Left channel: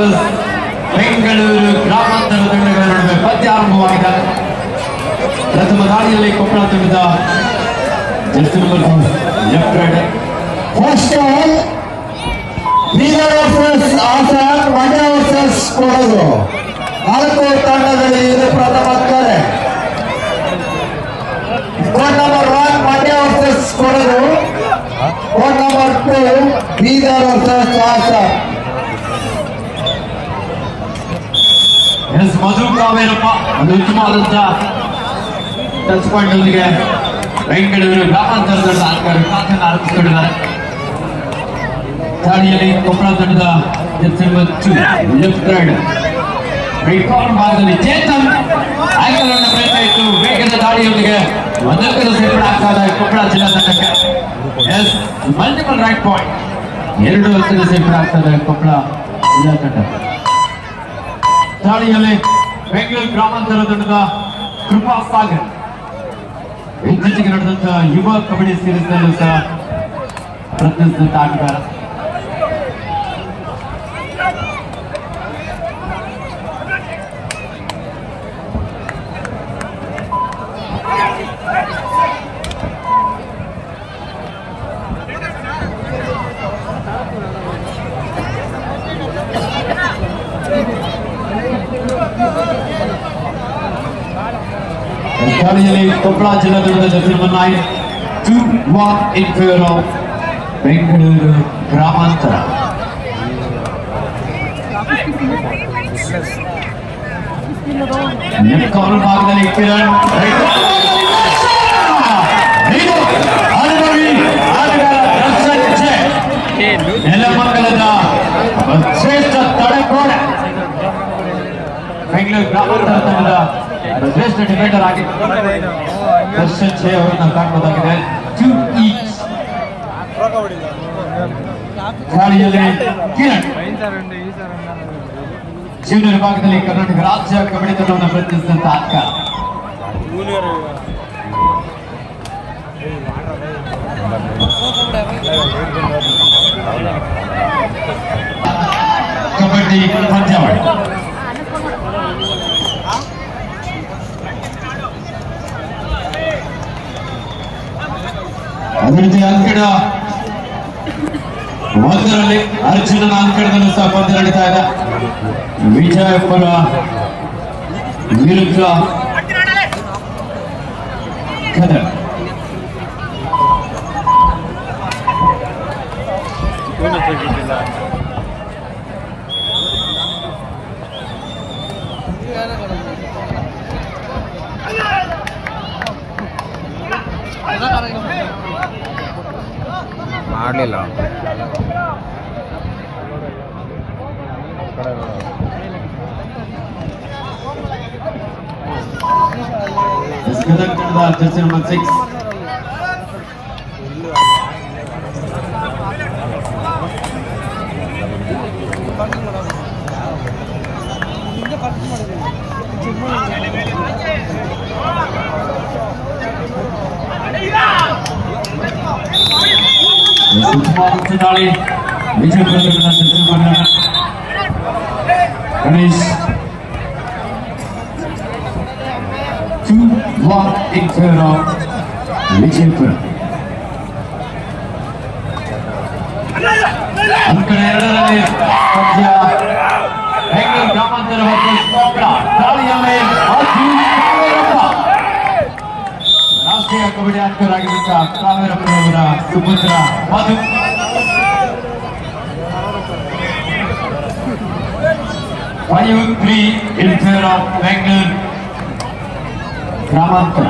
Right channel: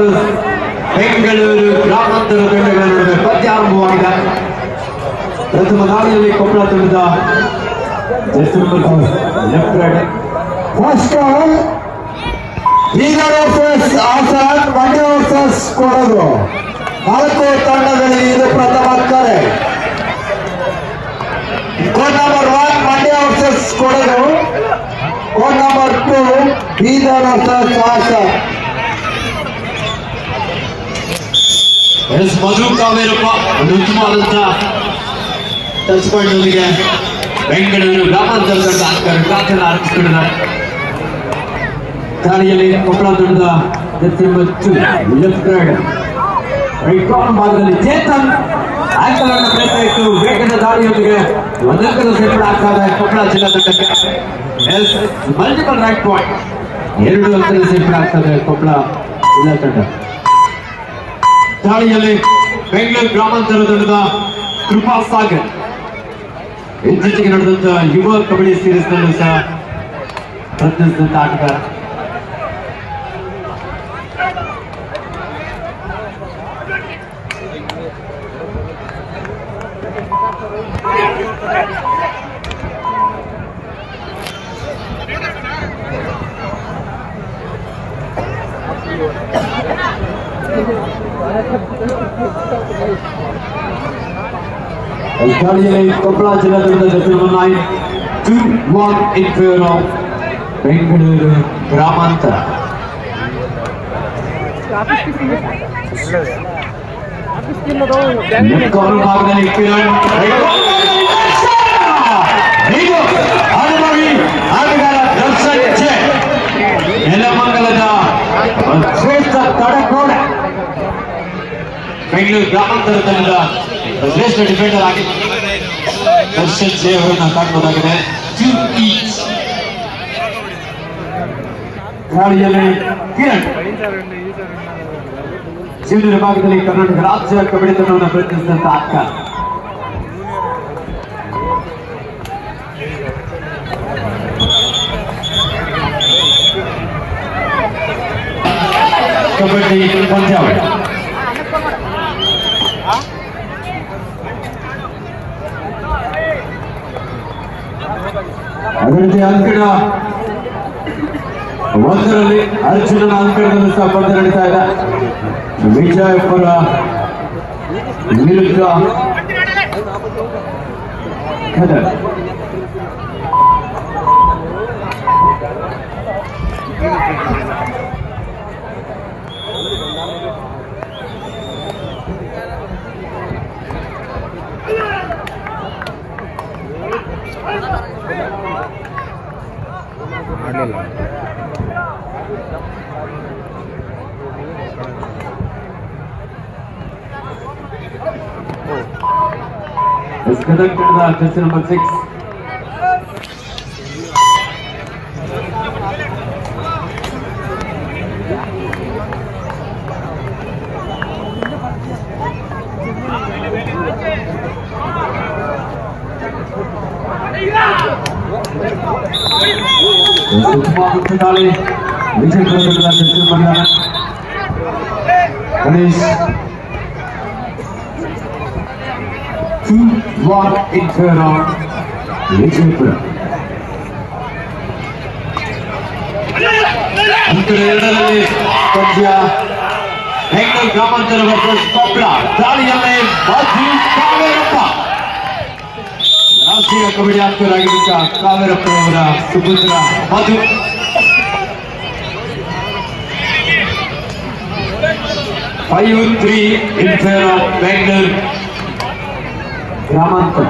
Versus Bengaluru ಗ್ರಾಮಾಂತರ ತಂಡಗಳ ನಡುವೆ ಪಂದ್ಯ ಆರಂಭವಾಗಿದೆ. ಪ್ರಥಮ ದಾಳಿಯಲ್ಲಿ ಕೊಪ್ಪಳ ತಂಡದ jersey number left raid. First all Bidar versus Hassan, Mandya versus Kodagu. 4 ತಂಡದಲ್ಲಿ ಇದು ಪ್ರಥಮ ಕರೆ. Code number 1 Mandya versus Kodagu, code number 2 Bidar versus Hassan. Madhu Kaverappa ಒಂದು ಉತ್ತಮವಾದಂತ ಟಚ್ ಪಾಯಿಂಟ್ ಜೊತೆಗೆ ಬೆಂಗಳೂರು ಗ್ರಾಮಾಂತರ ತಂಡ ಗಾತ್ರನ ಆರಂಭಿಸಿಕೊಂಡಿದ್ದಾರೆ. ದಾಳಿಯಲ್ಲಿ ಕೊಪ್ಪಳ ತಂಡದ jersey number 2 left raid right corner ಭಾಗದಲ್ಲಿ ಚೇತನ್ ಆಂಕಲ್ ಅನ್ನು ಪ್ರಯತ್ನ ಇತ್ತು. ವೇಗದ ದಾಳಿಯೊಂದಿಗೆ ಒಂದಂಕದ ಸೇರ್ಪಡೆ ಆಗ್ತಾ ಇದೆ ಕೊಪ್ಪಳ ಜಿಲ್ಲಾ ತಂಡಕ್ಕೆ. ಮಲ್ಟಿಪಲ್ ರೈಟ್ ಪಾಯಿಂಟ್, 2 ಅಂಕದ ಸೇರ್ಪಡೆ ಆಗ್ತದೆ ಕೊಪ್ಪಳ ಜಿಲ್ಲಾ ತಂಡ. ದಾಳಿಯಲ್ಲಿ ಬೆಂಗಳೂರು ಗ್ರಾಮಾಂತರ ತಂಡದ ಕೃಪಾ ಸಾಗರ್ ಇತ್ತೀಚೆಗೆ ನಡೆದಂತ ಯುವ ಕಬಡ್ಡಿ ಸೀರೀಸ್ ನಲ್ಲೂ ಸಹ ಪ್ರತಿನಿಧಿಸಿದಂತ ಆಟಗಾರ. ದಾಳಿಯಲ್ಲಿ ಕೊಪ್ಪಳ ಜಿಲ್ಲಾ ತಂಡದ jersey number 9 2-1 in favor of Bengaluru ಗ್ರಾಮಾಂತರ. ಲೆಫ್ಟ್ ಕಾರ್ನರ್ ಭಾಗದಲ್ಲಿ ಕಿರಣ್ ನೆಲಮಂಗಲದ ಶ್ರೇಷ್ಠ ತಡೆಗೋಡೆ. ಬೆಂಗಳೂರು ಗ್ರಾಮಾಂತರ ತಂಡ ಶ್ರೇಷ್ಠ ಡಿಫೆಂಡರ್ ಆಗಿ ದರ್ಶನ್ ಸೇವವನ್ನು ಕಾಣಬಹುದಾಗಿದೆ. 2 each. ದಾಳಿಯಲ್ಲಿ ಕಿರಣ್ ಜೂನಿಯರ್ ವಿಭಾಗದಲ್ಲಿ ಕರ್ನಾಟಕ ರಾಜ್ಯ ಕಬಡ್ಡಿ ತಂಡವನ್ನು ಪ್ರತಿನಿಧಿಸಿದಂತ ಆಟಗಾರ. ಕಬಡ್ಡಿ ಪಂದ್ಯಾವಳಿ ಅದೇ ರೀತಿ ಅಂಕಣ 1ರಲ್ಲಿ ಅರ್ಜುನನ ಅಂಕಣದಲ್ಲೂ ಸಹ ಪಂದ್ಯ ನಡೀತಾ ಇದೆ. ವಿಜಯಪುರ ವಿರುದ್ಧ ಗದಗ. ಮಾಡಲಿಲ್ಲ ಗದಗ ತಂಡದ ಜರ್ಸಿ ನಂಬರ್ 6 ದಾಳಿ Vijayapura Ganesh 2-1 in favor of Vijayapura. ಎರಡರಲ್ಲಿ ಪಂದ್ಯ ಬೆಂಗಳೂರು ಗ್ರಾಮಾಂತರ ವರ್ಸಸ್ ಕೊಪ್ಪಳ. ದಾಳಿಯಲ್ಲಿ ಮಧು ಕಾವೇರಪ್ಪ ರಾಷ್ಟ್ರೀಯ ಕಬಡ್ಡಿ ಆಟಗಾರರಾಗಿದ್ದ ಕಾವೇರಪ್ಪ ಅವರ ಸುಪುತ್ರ ಮಧು. Five 3 in favor of Bengaluru ಗ್ರಾಮಾಂತರ.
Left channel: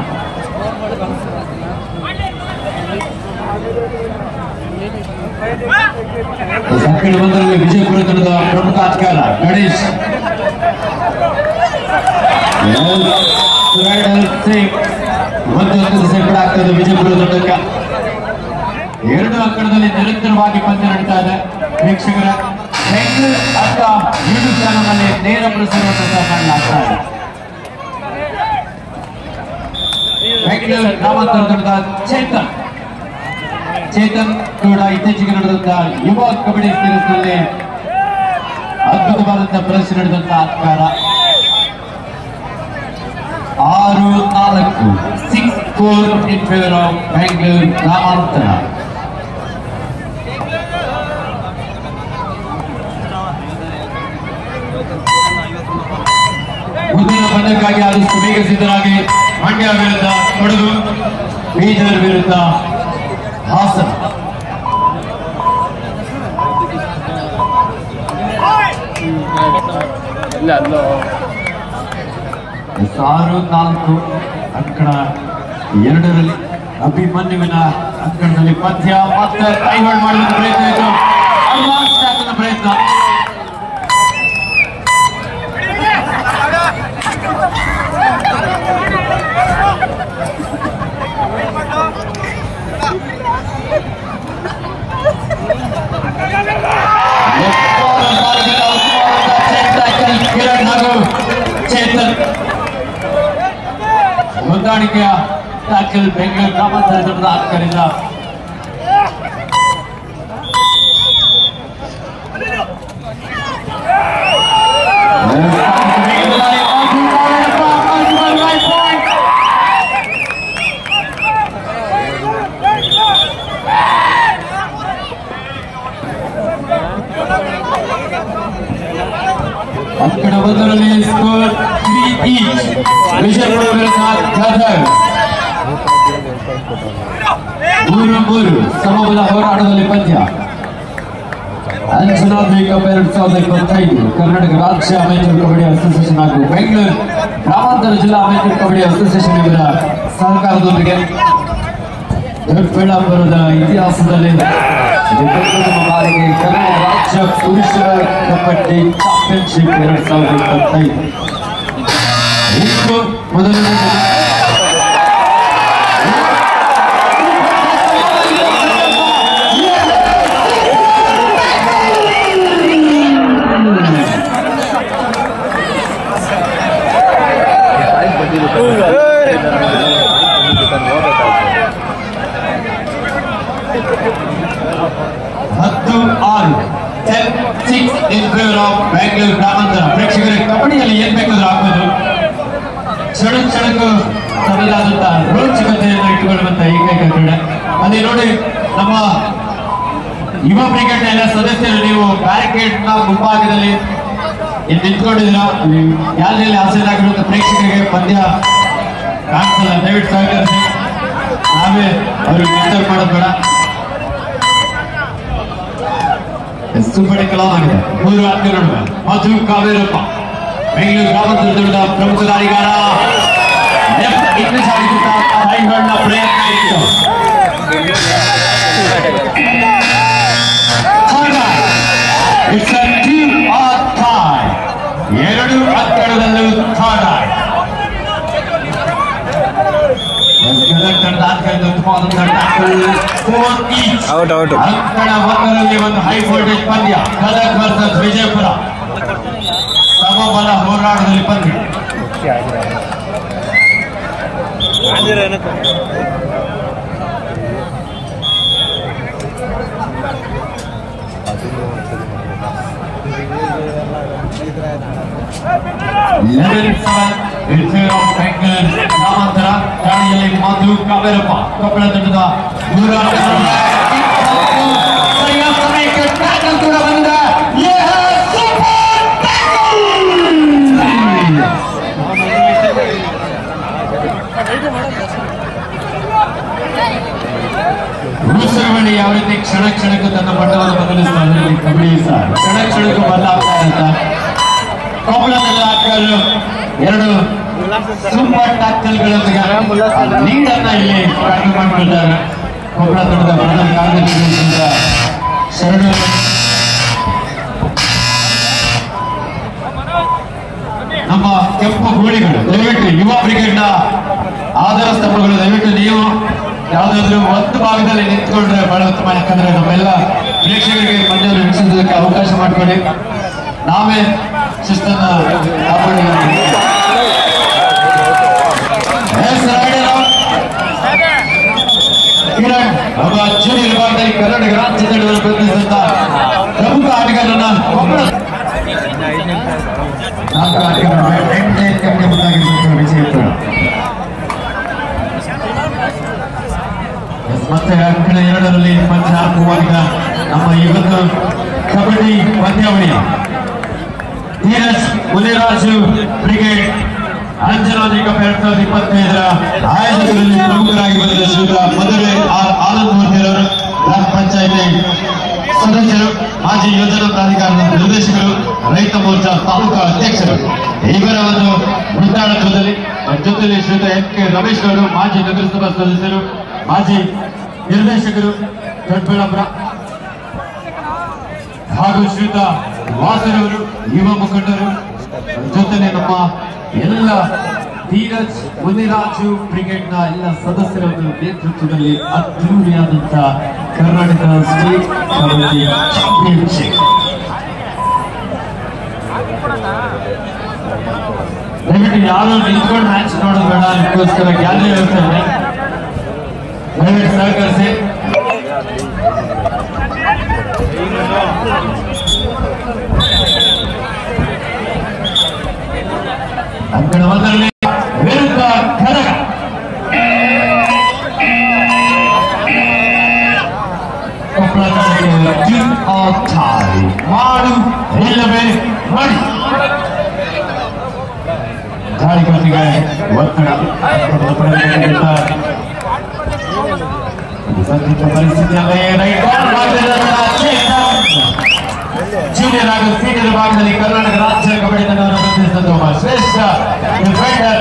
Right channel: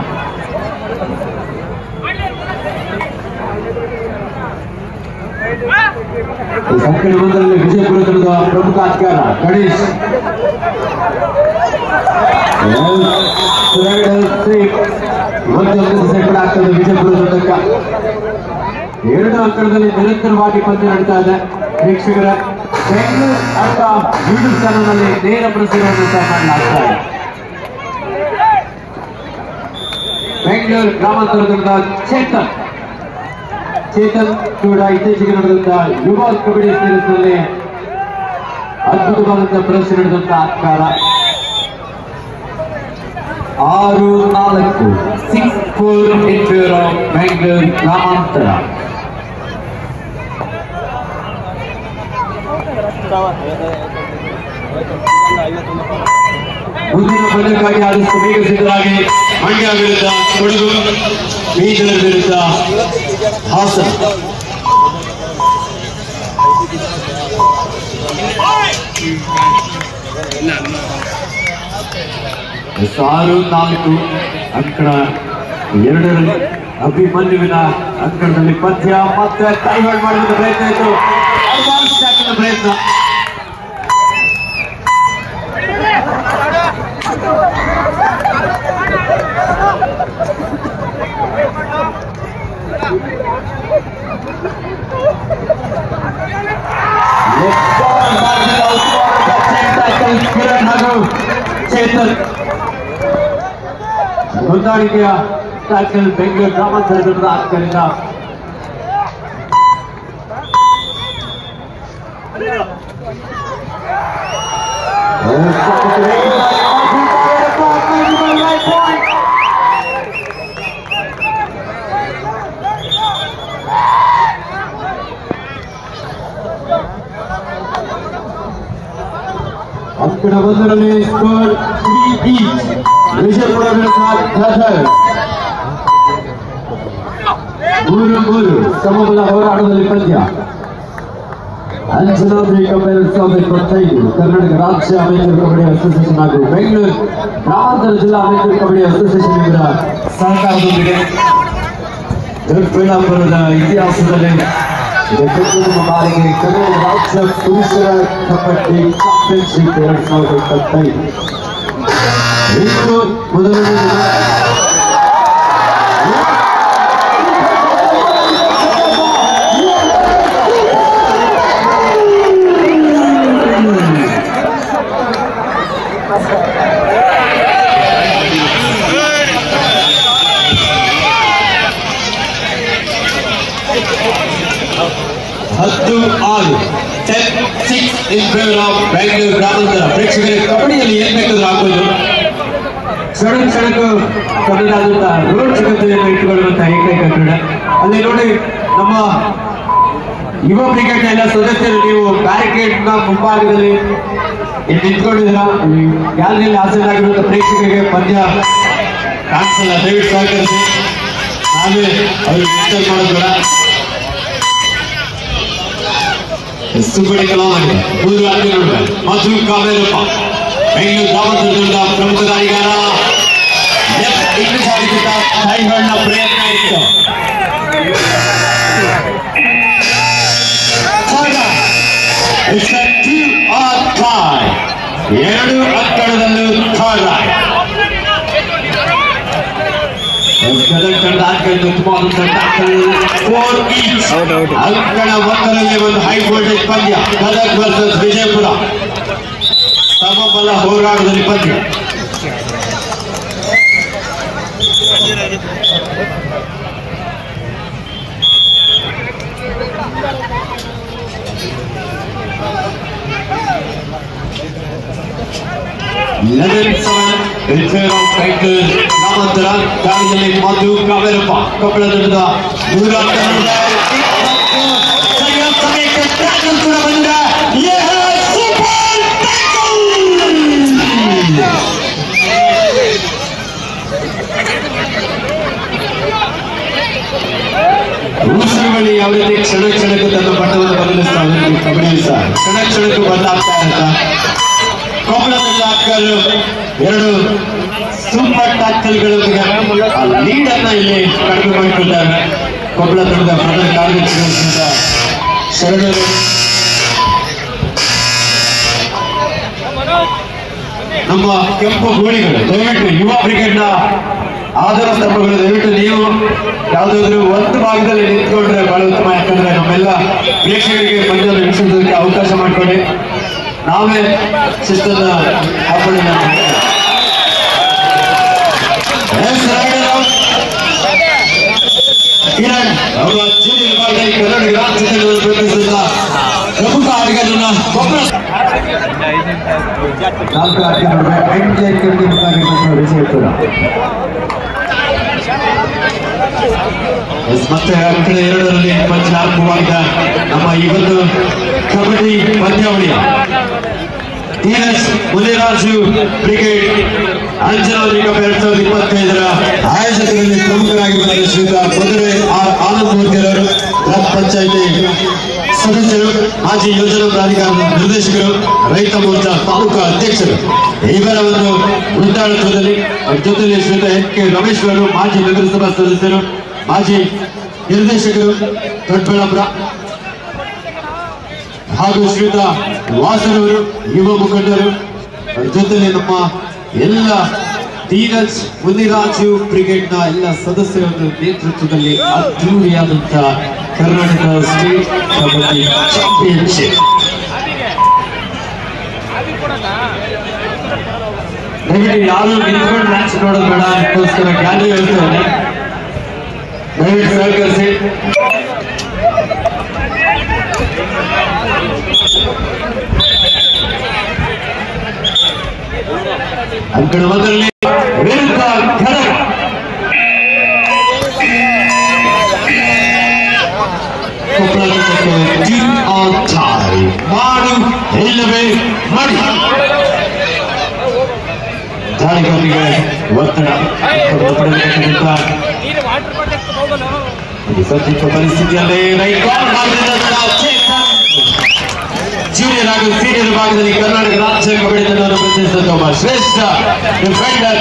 ಸಂಕೀರ್ಣ 1ರಲ್ಲಿ ವಿಜಯಪುರ ತಂಡದ ಪ್ರಮುಖ ಆಟಗಾರ ಗಣೇಶ್ ಒಂದು ಅಂಕದ ಸೇರ್ಪಡೆ ಆಗ್ತದೆ ವಿಜಯಪುರ ತಂಡಕ್ಕೆ. 2 ಅಂಕಣದಲ್ಲಿ ನಿರಂತರವಾಗಿ ಪಂದ್ಯ ನಡೀತಾ ಇದೆ. ವೀಕ್ಷಕರ ಬೆಂಗಳೂರು ಅಂತ ಯೂಟ್ಯೂಬ್ ಚಾನಲ್ನಲ್ಲಿ ನೇರ ಪ್ರಸಾರವನ್ನು ಮಾಡಲಾಗ್ತಾ ಇದೆ. ಬೆಂಗಳೂರು ಗ್ರಾಮಾಂತರ ತಂಡದ ಚೇತನ್ ಕೂಡ ಇತ್ತೀಚೆಗೆ ನಡೆದಂತ ಯುವ ಕಬಡ್ಡಿ ಸೀರೀಸ್ ನಲ್ಲಿ ಅದ್ಭುತವಾದಂತಹ ಪ್ರದರ್ಶನ ನಡೆದಂತಹ ಆಟಗಾರ 6-4 6-4 in favor of Bangalore ಗ್ರಾಮಾಂತರ. ಮುಂದಿನ ಪಂದ್ಯಕ್ಕಾಗಿ ಆದಷ್ಟು ಬೇಗ ಸಿದ್ಧರಾಗಿ. ಮಂಡ್ಯ ವಿರುದ್ಧ ಕೊಡಗು, ಬೀದರ್ ವಿರುದ್ಧ ಹಾಸನ. 6-4 ಅಂಕಣ 2ರಲ್ಲಿ ಅಭಿಮನ್ಯುವಿನ ಅಂಕಣದಲ್ಲಿ ಪಂದ್ಯ ಮತ್ತೆ ಕೈವಾಡ್ ಮಾಡುವ ಪ್ರಯತ್ನ ಇತ್ತು. ಅಡ್ವಾನ್ಸ್ ಟ್ಯಾಕಲ್ ಪ್ರಯತ್ನ. ಚೇತನ್ ಹೊಂದಾಣಿಕೆಯ ಟ್ಯಾಕಲ್ ಬೆಂಗಳೂರು ಗ್ರಾಮಾಂತರ ತಂಡದ ಆಟಗಾರರಿಂದ. ಅಂಕಣ 1ರಲ್ಲಿ ಸ್ಕೋರ್ 3 ಈಚ್. ವಿಜಯಪುರ ವಿರುದ್ಧ ಗದಗ್ 3-3 ಸಮಬಲ ಹೋರಾಟದಲ್ಲಿ ಪಂದ್ಯ. ಅಂಜನಾದ್ರಿ ಕಪ್ 2025 ಕರ್ನಾಟಕ ರಾಜ್ಯ ಅಮೆಚೂರ್ ಕಬಡ್ಡಿ ಅಸೋಸಿಯೇಷನ್ ಹಾಗೂ ಬೆಂಗಳೂರು ಗ್ರಾಮಾಂತರ ಜಿಲ್ಲಾ ಅಮೆಚೂರ್ ಕಬಡ್ಡಿ ಅಸೋಸಿಯೇಷನ್ ಇವರ ಸಹಕಾರದೊಂದಿಗೆ ದೊಡ್ಡಬಳ್ಳಾಪುರದ ಇತಿಹಾಸದಲ್ಲಿ ಬಾರಿಗೆ ಕರ್ನಾಟಕ ರಾಜ್ಯ ಪುರುಷರ ಕಬಡ್ಡಿ ಚಾಂಪಿಯನ್ಶಿಪ್ 2025 ಇಂದು ಮೊದಲನೇ ಬೆಂಗಳೂರು ಗ್ರಾಮಾಂತರ. ಪ್ರೇಕ್ಷಕರಿಗೆ ಕಬಡ್ಡಿಯಲ್ಲಿ ಏನ್ ಬೇಕಾದ್ರೂ ಆಗ್ಬೋದು. ಸಡಕು ತನ್ನದಾದಂತಹ ರೋಚಕತೆಯನ್ನು ಇಟ್ಟುಕೊಳ್ಳುವಂತಹ ಏಕೈಕ ಕ್ರೀಡೆ. ಅಲ್ಲಿ ನೋಡಿ ನಮ್ಮ ಯುವ ಕ್ರಿಕೆಟ್ ಎಲ್ಲ ಸದಸ್ಯರು ನೀವು ಬ್ಯಾರಿಕೇಡ್ ನ ಮುಂಭಾಗದಲ್ಲಿ ನಿಂತ್ಕೊಂಡಿದ್ದೀರ. ಗ್ಯಾಲರಿಯಲ್ಲಿ ಹಾಸನಾಗಿರುವಂತಹ ಪ್ರೇಕ್ಷಕರಿಗೆ ಪಂದ್ಯ ಕಾಣಿಸಲ್ಲ. ದಯವಿಟ್ಟು ಸಹಕರಿಸಿ. ನಾವೇ ಅವ್ರಿಗೆ ಮಾತಾಡ್ ಮಾಡೋದಿಲ್ಲ. ಮೂರು ಅಂಕಗಳು ಮಧು ಕಾವೇರಪ್ಪ ಬೆಂಗಳೂರು ಗ್ರಾಮಾಂತರದ ಪ್ರಮುಖ ದಾಳಿಗಾರ. ಇಂಗ್ಲಿಷ್ ಕೈವಾಡ್ನ ಪ್ರಯತ್ನ ಇತ್ತು. ಎರಡು ಅಂಕಗಳಲ್ಲೂ ಔಟ್ ಔಟ್. ಅಂಕಣ 1ರಲ್ಲಿ ಒಂದು ಹೈ ವೋಲ್ಟೇಜ್ ಪಂದ್ಯ. ಗದಗ್ ವರ್ಸಸ್ ವಿಜಯಪುರ ಸಮಬಲ ಹೋರಾಟದಲ್ಲಿ ಪಂದ್ಯ. ಗ್ರಾಮಾಂತರ ದಾಳಿಯಲ್ಲಿ ಮಧು ಕಾವೇರಪ್ಪ ಕಬ್ಬಳ ತಂಡದ ಉಳಿಸುವಳಿ ಯಾವ ರೀತಿ ಕ್ಷಣ ಕ್ಷಣಕ್ಕೂ ತನ್ನ ಬಣ್ಣವನ್ನು ಬದಲಿಸ್ತಾರೆ. ಕಬಡ್ಡಿ ಸಹ ಕ್ಷಣ ಕ್ಷಣಕ್ಕೂ ಬದಲಾಗ್ತಾ ಇರುತ್ತ. ಕಬ್ಬಳ ತಂಡದ ಆಟಗಾರರು 2 ಸೂಪರ್ ಟ್ಯಾಕಲ್ಗಳೊಂದಿಗೆ ಲೀಡ್ ಅನ್ನ ಇಲ್ಲಿ ಕಡಿಮೆ ಮಾಡಿದ್ದಾರೆ. ಕಬ್ಬಳ ತಂಡದ ಪ್ರಧಾನ ಕಾರ್ಯದರ್ಶಿಯಾದ ಶರಣರು ನಮ್ಮ ಕೆಂಪು ಗೋಳಿಗಳು ದಯವಿಟ್ಟು ಯುವ ಕ್ರಿಕೆಟ್ನ ಆಧಾರ ಸ್ತಂಭಗಳು ದಯವಿಟ್ಟು ನೀವು ಯಾವುದಾದ್ರೂ ಒಂದು ಭಾಗದಲ್ಲಿ ನಿಂತ್ಕೊಂಡ್ರೆ ಬಹಳ ಉತ್ತಮ. ಯಾಕಂದ್ರೆ ನಮ್ಮೆಲ್ಲ ಪ್ರೇಕ್ಷಕರಿಗೆ ಪಂದ್ಯ ವೀಕ್ಷಿಸೋದಕ್ಕೆ ಅವಕಾಶ ಮಾಡಿಕೊಡಿ. ನಾವೇ ಶಿಸ್ತನ್ನ ಕಿರಣ್ ಅವರ ಜೂನಿಯರ್ ವಿಭಾಗದಲ್ಲಿ ಕರ್ನಾಟಕ ರಾಜ್ಯದಲ್ಲಿ ಪ್ರಮುಖ ಆಟಗಾರರನ್ನ ಮತ್ತೆ ಕಣ ಎರಡರಲ್ಲಿ ಪಂಚನಾಲ್ಕುವಾಗಿದ್ದ ನಮ್ಮ ಈ ಒಂದು ಕಬಡ್ಡಿ ಪಂದ್ಯಾವಳಿ ಧೀರಜ್ ಮುನಿರಾಜು ಬ್ರಿಗೇಡ್ ಅಂಜನಾದ್ರಿ ಕಪ್ 2025ರ ಆಯೋಜಕರಲ್ಲಿ ಪ್ರಮುಖರಾಗಿ ಬಂದಿರುವ ಶ್ರೀಯುತ ಮದುವೆ ಆನಂದ್ ಮೂರ್ತಿಯವರು ಗ್ರಾಮ ಪಂಚಾಯತಿ ಸದಸ್ಯರು, ಮಾಜಿ ಯೋಜನಾ ಪ್ರಾಧಿಕಾರದ ನಿರ್ದೇಶಕರು, ರೈತ ಮೋರ್ಚಾ ತಾಲೂಕಾ ಅಧ್ಯಕ್ಷರು ಇವರ ಒಂದು ವೃತ್ತಾಳತ್ವದಲ್ಲಿ ಜೊತೆಯಲ್ಲಿ ಶ್ರೀಯುತ ಎನ್ ಕೆ ರಮೇಶ್ ಅವರು ಮಾಜಿ ನಗರಸಭಾ ಸದಸ್ಯರು, ಮಾಜಿ ನಿರ್ದೇಶಕರು ದೊಡ್ಡಬಳ್ಳಾಪುರ ಹಾಗೂ ಶ್ರೀಯುತ ವಾಸನವರು ಯುವ ಮುಖಂಡರು ಜೊತೆಯಲ್ಲಿ ನಮ್ಮ ಎಲ್ಲ ಧೀರಜ್ ಮುನಿರಾಜು ಬ್ರಿಗೇಡ್ನ ಎಲ್ಲ ಸದಸ್ಯರ ನೇತೃತ್ವದಲ್ಲಿ ಅದ್ದೂರಿಯಾದಂತಹ ಕರ್ನಾಟಕ ಸ್ಟೇಟ್ ಕಬಡ್ಡಿ ಚಾಂಪಿಯನ್ಶಿಪ್. ಯಾರು ನಿಂತ್ಕೊಂಡು ಮ್ಯಾಚ್ ನೋಡೋದು ಬೇಡ, ಅದಕ್ಕೋಸ್ಕರ ಗ್ಯಾಲರಿ ಇರ್ತದೆ, ದಯವಿಟ್ಟು ಸಹಕರಿಸಿ. ಅಂಕಣ ಒಂದರಲ್ಲಿ ವಿರುದ್ಧ ಮಾಡು ಇಲ್ಲವೇ ಮಾಡಿ ಜಾರಿಗೊಂದಿಗೆ ಒತ್ತಡ ಸದ್ಯಕ್ಕೆ ಪರಿಸ್ಥಿತಿಯಲ್ಲೇ ಜೂನಿಯರ್ ಹಾಗೂ ಸೀನಿಯರ್ ಭಾಗದಲ್ಲಿ ಕರ್ನಾಟಕ ರಾಜ್ಯ ಕಬಡ್ಡಿ ತಂಡವನ್ನು ಪ್ರತಿನಿಧಿಸಿದ ಒಬ್ಬ ಶ್ರೇಷ್ಠ ಡಿಫೆಂಡರ್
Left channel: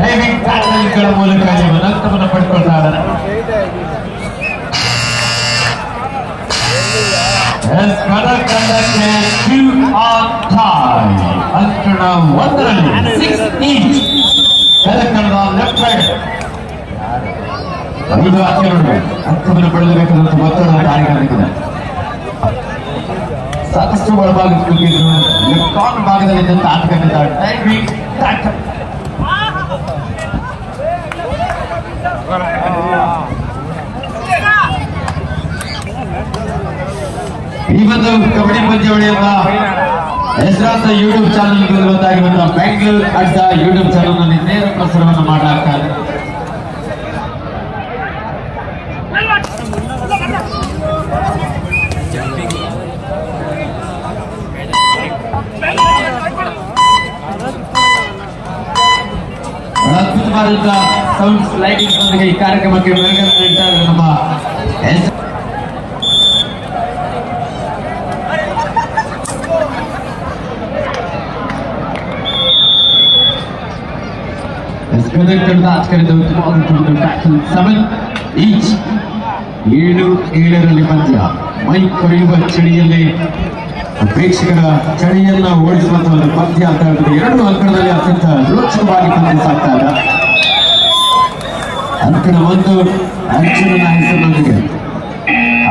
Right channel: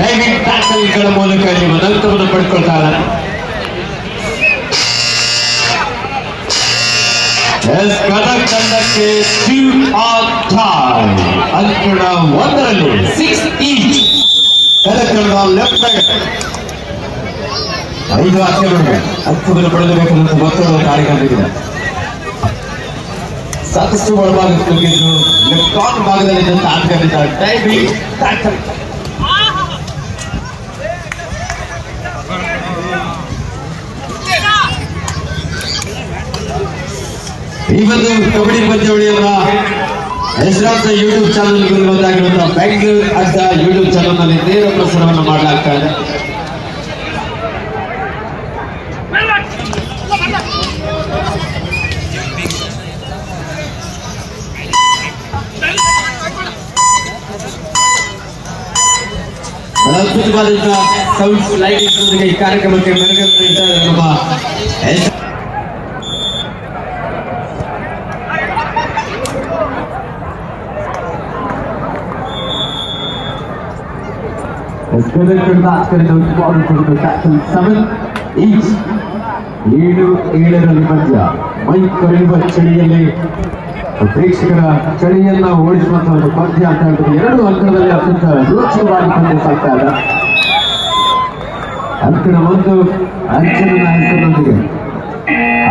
ಡೈವಿಂಗ್ ಟ್ಯಾಕಲ್ಗಳ ಮೂಲಕ ನೀವು ನಂತರವನ್ನು ಪಡ್ಕೊಳ್ತಾರೆ. ಅಂಕಣ ಒಂದರಲ್ಲಿ 6 each ಕನ್ನಡ ಲೆಫ್ಟ್ ರೈಟ್ 5 ಆಟಗಾರರು ಹಕ್ಕನ್ನು ಪಡೆದುಬೇಕಂತ ಒತ್ತಡ ಕಾರ್ಯಕ್ರಮ ಸಾಕಷ್ಟು ಒಳಭಾಗಕ್ಕೆ ನುಗ್ಗಿದ್ರು. ಲೆಫ್ಟ್ ಭಾಗದಲ್ಲಿದ್ದಂತ ಆಟಗಾರರಿದ್ದಾರೆ ಡೈವಿಂಗ್ ಟ್ಯಾಕಲ್. ಈ ಒಂದು ಕಬಡ್ಡಿ ಪಂದ್ಯಾವಳಿಯನ್ನ ಹೆಸರಾಂತ ಯೂಟ್ಯೂಬ್ ಚಾನಲ್ ಒಂದಾಗಿರುವಂತಹ ಬೆಂಗಳೂರು ಅಡ್ಡ ಯೂಟ್ಯೂಬ್ ಚಾನಲ್ ನಲ್ಲಿ ನೇರ ಪ್ರಸಾರವನ್ನು ಮಾಡಲಾಗ್ತಾ ಇದೆ. ಅದ್ಭುತವಾದಂತಹ ಸೌಂಡ್ಸ್ ಲೈಟಿಂಗ್ಸ್ ನೊಂದಿಗೆ ಈ ಕಾರ್ಯಕ್ರಮಕ್ಕೆ ಮೆರುಗನ್ನು ನೀಡ್ತಾ ಇರುವ ಈಚ್ 7-7ರಲ್ಲಿ ಪಂದ್ಯ. ಮೈ ಕರೆಯುವ ಚಳಿಯಲ್ಲಿ ಪ್ರೇಕ್ಷಕರ ಚಳಿಯನ್ನ ಓಡಿಸುವಂತಹ ಒಂದು ಪಂದ್ಯ ಅಂತ ಹೇಳ್ಬೋದು. 2 ಅಂಕಣದಲ್ಲಿ ಅತ್ಯಂತ ರೋಚಕವಾಗಿ ಪಂದ್ಯ ಸಾಗ್ತಾ ಇದೆ. ಅಂಕಣ 1 ಅರ್ಜುನನ ಹೆಸರಿನೊಂದಿಗೆ,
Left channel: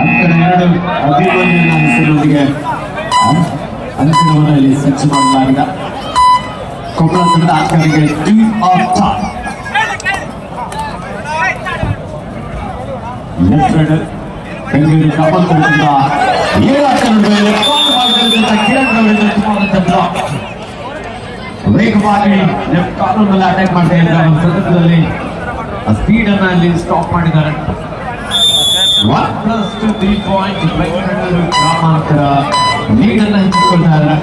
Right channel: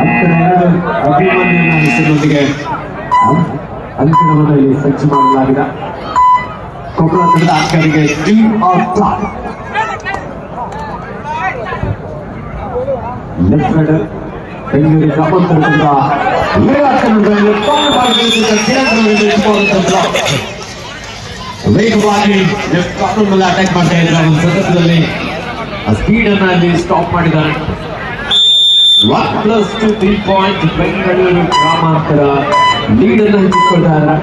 ಅಂಕಣ 2 ಅಭಿಮನ್ಯುವಿನ ಹೆಸರಿನೊಂದಿಗೆ ಅಂಕಣವನ್ನು ಸಜ್ಜು ಮಾಡಲಾಗಿದೆ. ಕೊಪ್ಪಳ ತಂಡದ ಆಟಗಾರರಿಗೆ team of top left raider Bengaluru ಗ್ರಾಮಾಂತರದಿಂದ 7 ವೇಗವಾಗಿ ಲೆಫ್ಟ್ ಕಾರ್ನರ್ ಮೇಲೆ ಅಟ್ಯಾಕ್ ಮಾಡ್ತಾ ಇದ್ದಾರೆ. ಒಂದು ಸಂದರ್ಭದಲ್ಲಿ ಸ್ಪೀಡ್ ಅನ್ನು ಅಲ್ಲಿ ಸ್ಟಾಪ್ ಮಾಡಿದ್ದಾರೆ. 1+2 3 ಪಾಯಿಂಟ್ ಬೆಂಗಳೂರು ಗ್ರಾಮಾಂತರ ಲೀಡ್ ಅನ್ನು ಹೆಚ್ಚಿಸಿಕೊಳ್ತಾರೆ.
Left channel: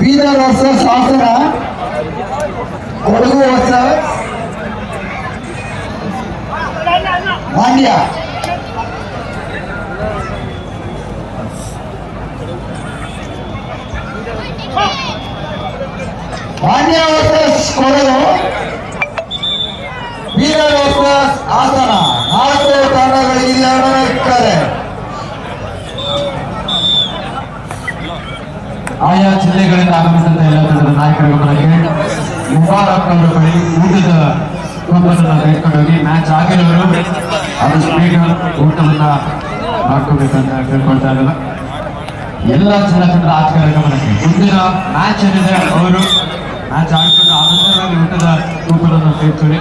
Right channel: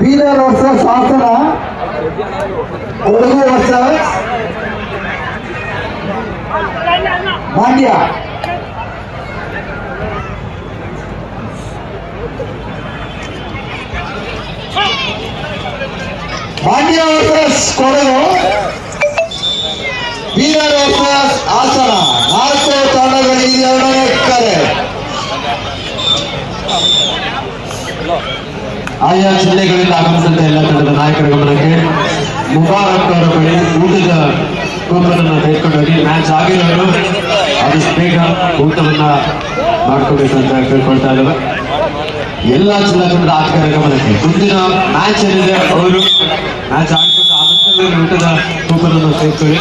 Bidar versus Hassan, Kodagu versus Mandya. Mandya versus Kodagu, Bidar versus Hassan. 4 ತಂಡಗಳು ಇಲ್ಲಿ ಆಡಲಿದ್ದಾರೆ. ಆಯಾ ಜಿಲ್ಲೆಗಳಿಂದ ಆಗಮಿಸಿದ ಎಲ್ಲ ತಂಡದ ನಾಯಕರುಗಳಿಗೆ ಮುಬಾರಕ್ ಅವರ ಬಳಿ ಊಟದ ಕೂಪನನ್ನು ತೆಗೆದುಕೊಂಡು ಹೋಗಿ ಮ್ಯಾಚ್ ಆಗಿರೋರು ಆದಷ್ಟು ಬೇಗ ಊಟವನ್ನ ಮಾಡ್ಕೋಬೇಕಂತ ಕೇಳ್ಕೊಳ್ತಾ ಇದ್ದಾರೆ. ಎಲ್ಲ ಜಿಲ್ಲೆಗಳ ಆಟಗಾರರು ಮುಂದಿನ ಮ್ಯಾಚ್ ಏನಿದೆ ಅವರು ಮ್ಯಾಚ್ ಆಡ್ಕೊಂಡು ಆದಷ್ಟು ಊಟದ ಕೂಪನನ್ನು ತೆಗೆದುಕೊಳ್ಳಿ.